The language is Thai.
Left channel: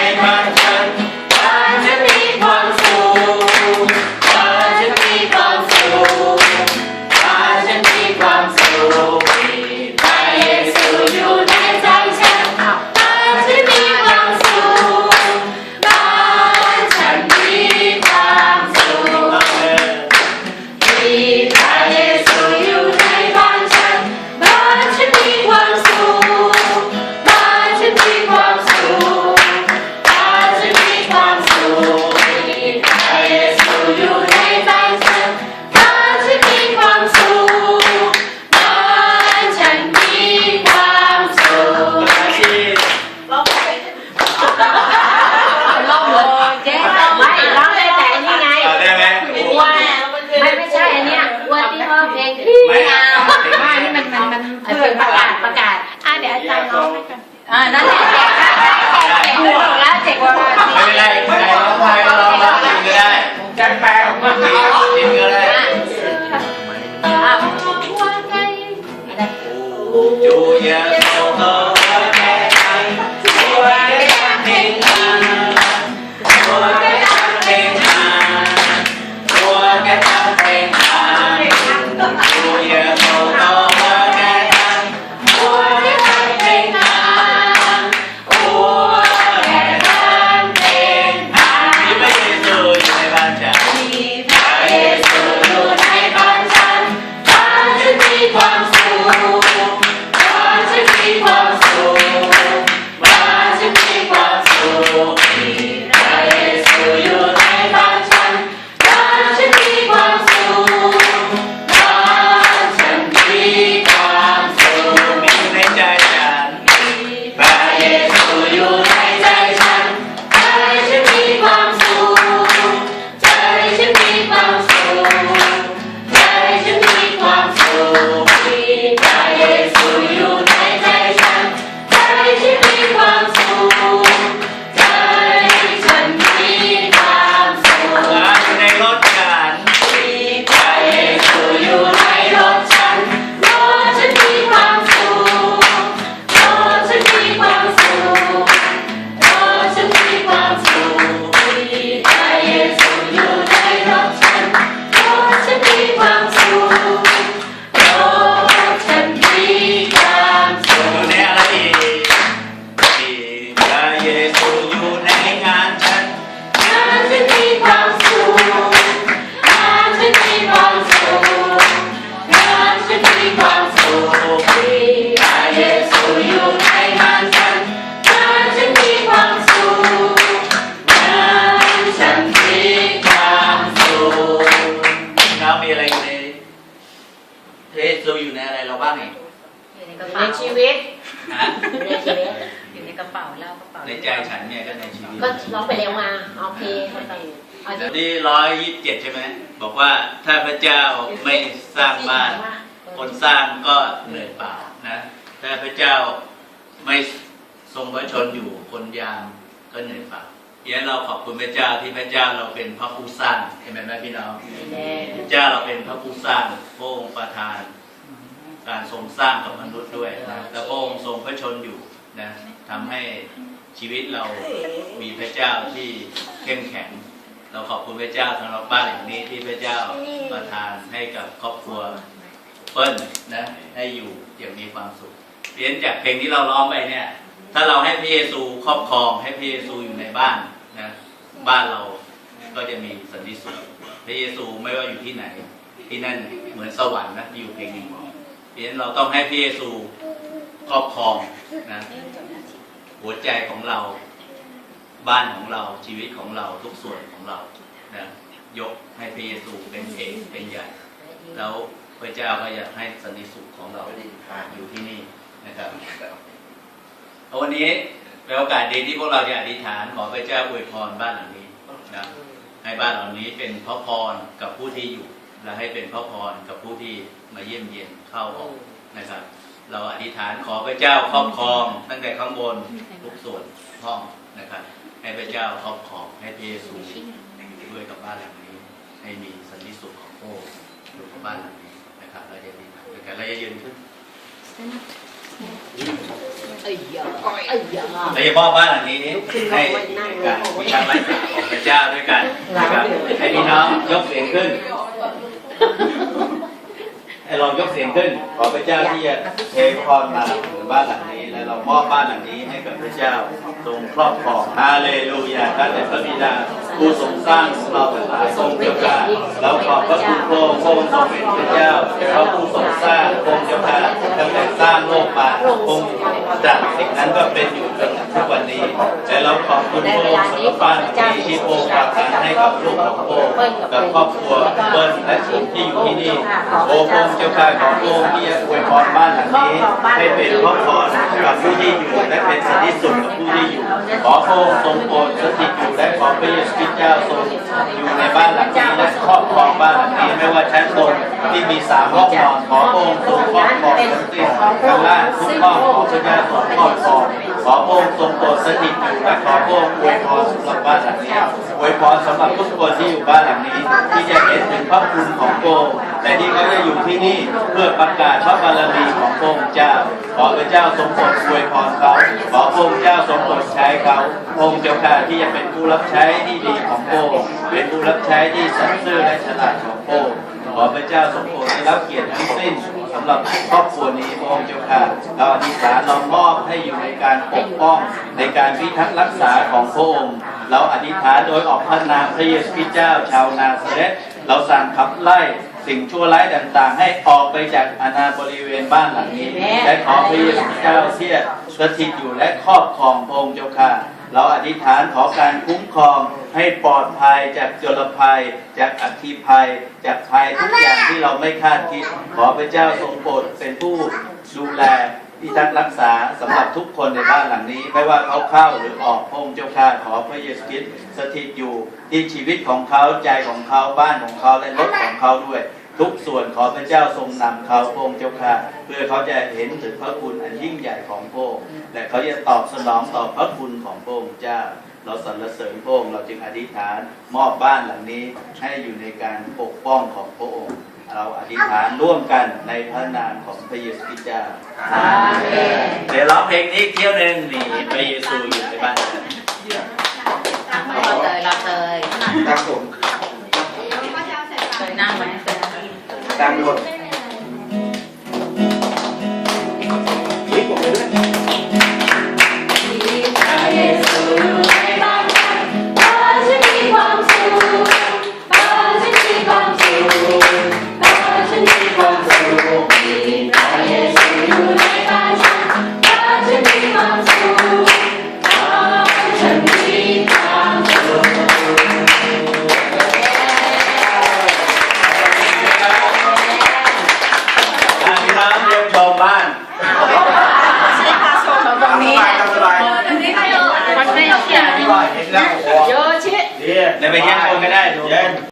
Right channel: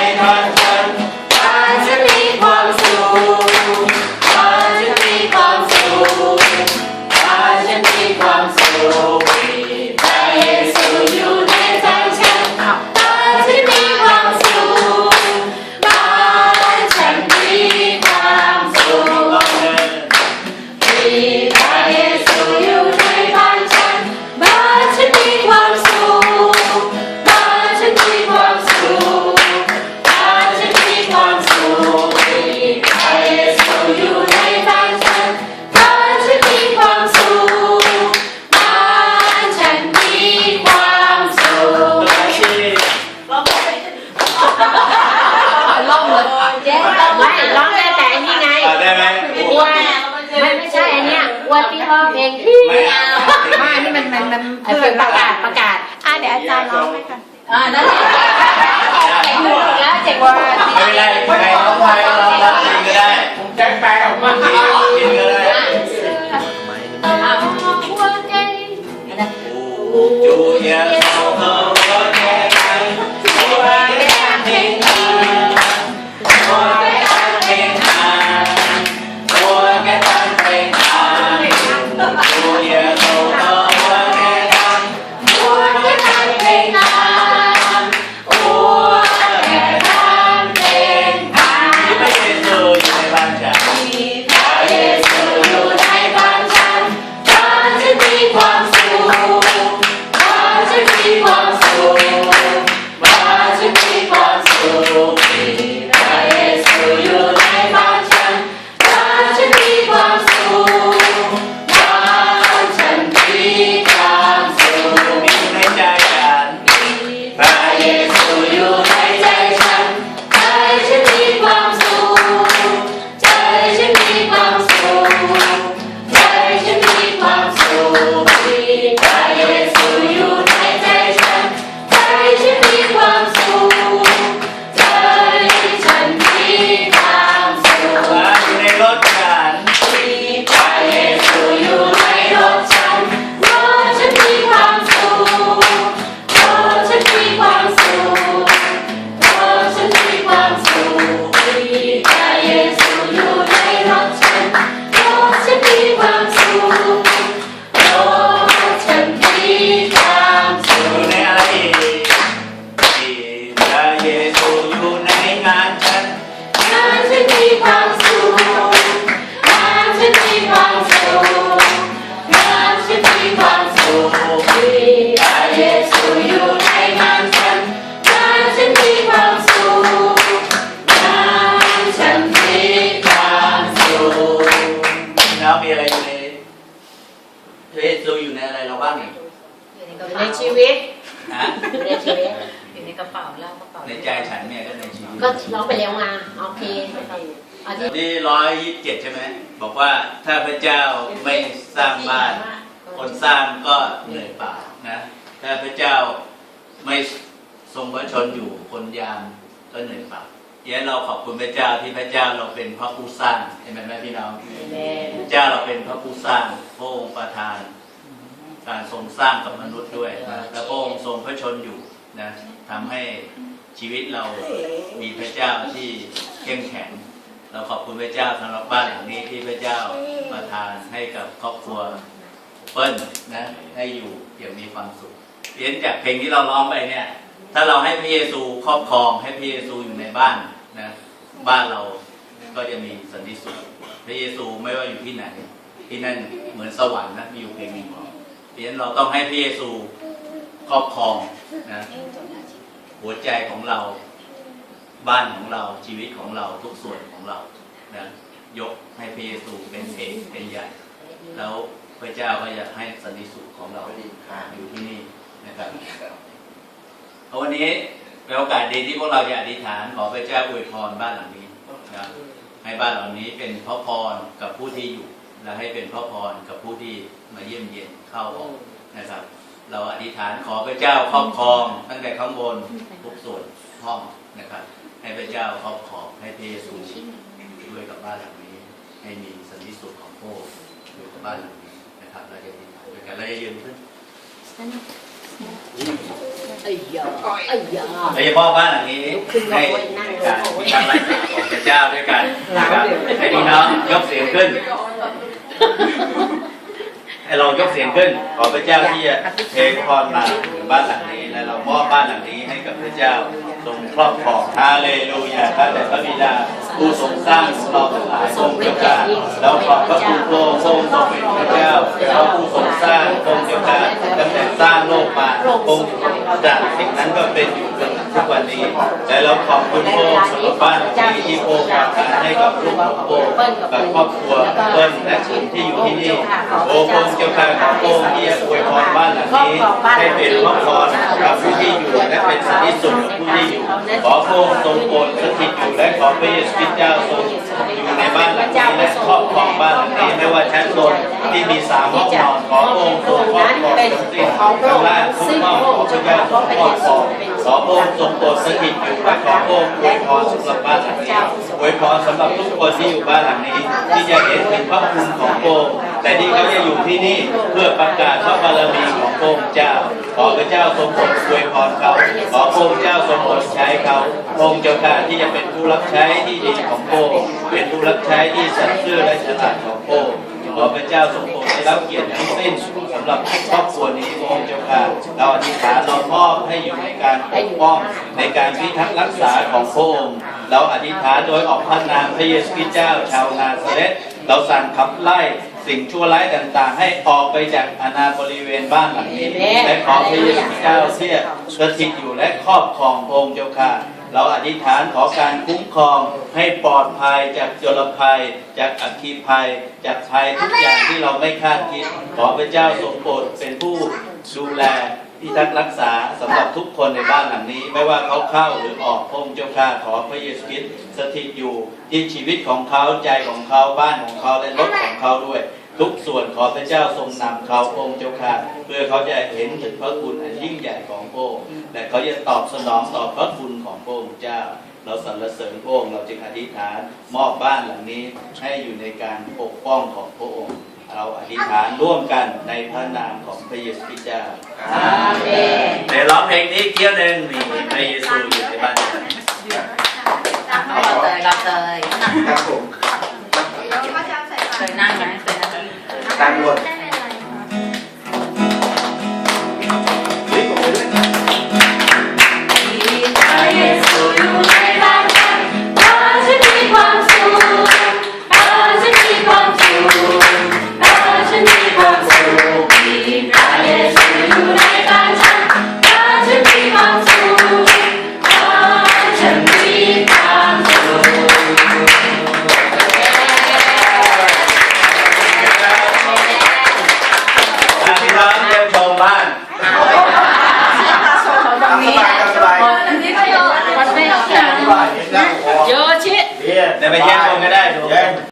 บ้ เลยเจ๊ร้องไม่ร้องได้แต่อันนี้ไงเอาได้ไหมวัวไม่ไม่ใช่อันเนี้ยวัวที่ร้องเพลงที่ไม่เอาอ่านี่มันมันมันเป็นประกาศประกาศอะเดี๋ยวอาจารย์ร้องให้ค่ะอ่านั่นแหละเจ็กหัวแล้วเจ็กหัวไม่เป็นไรใครร้องไห้ก็ร้องร้องจินก็ได้ผมจะแปลออกมาจินก็ได้จูเย พระเยซูอยู่ในอะไรเราบ้างนี่ในชีวิตฮะอยู่ในชีวิตอยู่ในกระเป๋าแล้วกระเป๋าในใจฉันเนี่ยก็ในชีวิตก็ร้องไปแล้วไงโอเคอันนี้ที่ร้อยยี่สิบเจ็ดใช่ไหมบอกว่าถ้าพระเจ้าไม่สร้างบ้าน คนสร้างก็เหนื่อยเปล่านะถ้าพระเจ้าไม่ทรงพระชนอยู่คนยามก็เหนื่อยเปล่าเดี๋ยวเราขอบคุณพระเจ้าที่พระเจ้าเราเป็นพระผู้สร้างเห็นไหมพี่น้องพระเจ้าเราเป็นพระผู้สร้างพระองค์ประทาน การทรงสร้างกับมนุษย์ด้วยนะแล้วพระองค์ทรงพระชนอยู่นะทำให้ชีวิตเรามีพระเจ้าที่เข้มแข็ง เราขอบคุณพระเจ้าสำหรับบ้านหลังนี้ที่พระเจ้าประทานให้กับครอบครัวเปิ้ลนะให้อยู่อย่างมีความสุขเรียนจากเพลงที่เราร้องไปเนี่ย ถ้าเราให้พระเยซูครอบครองให้พระเยซูอยู่ในบ้าน นะบ้านเราก็จะมีสันติสุขพระเยซูไม่ว่าอยู่ที่ไหน ที่นั่นเหมือนสวรรค์นะมีอยู่เพลงหนึ่งบอกเพราะฉะนั้นเราต้องให้พระเยซูครอบครองนะหัวใจของเราบ้านของเราชีวิตของเราทุกส่วนของเรานะยกให้พระเยซูเป็นเอกเป็นใหญ่ แล้วพระเจ้าก็อยากให้สันติสุขของเราอยู่ที่นี่นะครับเอาวันนี้ เป็นโอกาสดีที่พวกเราจะอธิษฐานขอพระเจ้าอวยพรบ้านหลังนี้นะให้บ้านหลังนี้เป็นพระพรกับผู้ที่อยู่ และให้เป็นพระพรกับผู้ที่มาเยี่ยมเยียนเข้าออกนะครับ เราอธิษฐานขอพระเจ้าครอบครอง ตั้งแต่ข้างบนทุกส่วนห้องนะครับ ให้พระเจ้าครอบครองให้พระเยซูอยู่ด้วยกับบ้านหลังนี้ ให้มีสันติสุขของพระองค์อยู่กับบ้านหลังนี้นะครับ เราจะอธิษฐานด้วยกันเราจะยืนขึ้น เอ้ยยาเอ้ยยาเราจะมอบบ้านหลังนี้ให้การมีการไล่สาของพระเจ้าด้วยกันนะครับให้พี่น้องยกเสียงขึ้นให้เรายกเสียงขึ้น ขอพระเจ้าที่จะเทพรมาถึงบ้านหลังนี้ และเรามอบบ้านหลังนี้ให้กับพระเจ้าทรงครอบครองฮาเลลูยาข้าแต่พระบิดาผู้ทรงสร้างเราทั้งหลายทรงเจ้าการเราขอบพระคุณพระองค์พระองค์ทรงเป็นพระเจ้าพระผู้ทรงสร้างพระองค์เจ้าการตั้งแต่สร้างโลกมาพระองค์ จากสิ่งนั้นก็เป็นอยู่จนทุกวันนี้ และเราขอบคุณพระอสำหรับบ้านที่ที่พระองค์ประทานให้กับลูกของพระองกับครอบครัวเปิ้ลและผมที่อยู่ที่นี่โอ้พระองค์เจ้าการของพระองที่อวยพรบ้านหลังนี้ให้เป็นพระพรกับผู้ที่อยู่และเป็นสันติ สุขกับผู้ที่อยู่ ขอพระองค์ทรงโปรดสถิตอยู่และขอพระเยซูคริสต์เจ้าทรงอยู่ในบ้านหลังนี้และครอบครองบ้านหลังนี้ไม่ว่าชั้นบนที่มีสามห้องนอนขอพระองค์ทรงครอบครองสถิตข้างล่างทุกห้องขอพระเจ้าทรงครอบครองขอพระองค์ทรงโปรดสถิตอยู่และขอพระองค์อวยพรสำหรับบ้านหลังนี้อวยพรสำหรับทุกคนที่อยู่บ้านหลังนี้ ที่จะเห็นถึงพระคุณของพระองค์แต่ที่เขาจะอยู่ที่นี่เพื่อประกาศพระบารมีของพระองค์เจ้า ขอพระเจ้าทรงโปรดอวยพรเขาขอพระองค์เจ้าทรงโปรดใช้เขาองค์เจ้าข้าที่จะเป็นผู้รับใช้ที่ดีของพระองค์เป็นผู้รับใช้ที่สัตย์ซื่อและฉลาดของพระองค์ขอพระเจ้าทรงโปรดได้รับเกียรติทั้งสิ้นสำหรับครอบครัวนี้พระองค์เจ้าข้าเราอธิษฐานเรามอบให้อยู่ในการปกป้องในการพิทักษ์รักษาของพระองค์เราอธิษฐานโดยออกพระนามพระเยซูคริสต์เจ้าชาวนาซาเรตเราสั่งขับไล่ สิ่งชั่วร้ายต่างๆ ให้ออกไปจากอาณาบริเวณบ้านหลังนี้ และขอพระเยซูคริสต์เจ้าเสียสถิตอยู่และครอบครองพระองค์เจ้าค่ะเราอธิษฐานขอการคุ้มครองให้ปลอดภัยจากโจรภัย จากอัคคีภัย จากภัยทุกอย่างที่เราไม่คาดคิด ขอพระเจ้าทรงโปรดเป็นผู้ดูแล พิทักษ์รักษาสำหรับทุกคนในบ้านหลังนี้ ไม่ว่าเขาเข้าหรือออกพระองค์เจ้าข้าขอพระเยซูคริสต์สถิตอยู่ที่ชีวิตของเขาใจของเขาบ้านของเขาและรถของเขาด้วย ทุกส่วนขอพระเจ้าทรงนำเขาพระองค์เจ้าข้าเพื่อเขาจะเห็นถึงพระคุณอันยิ่งใหญ่ของพระองค์และเขาจะตอบสนองต่อพระคุณของพระองค์เจ้า เราสรรเสริญพระองค์เราจึงอธิษฐานมอบบ้านหลังนี้ให้อยู่ในการปกป้องของพระองค์ เราอธิษฐานร่วมกันในพระนามของพระเยซูคริสต์เจ้าอาเมนเดี๋ยวร้องเพลงนี้อีกเที่ยวหนึ่งนี่พระเยซูอยู่ในบ้านฉันเราเคยเราเคยครับผมเคยนั่งไหมเคยนั่งไหมตามหมด บ้านตรงนี้สบายอันนี้ก็เยอะมันไม่เกี่ยวสบายแล้วเยอะชิเนี่ยเดี๋ยวไปเยี่ยมชมก็ได้ดูเย็น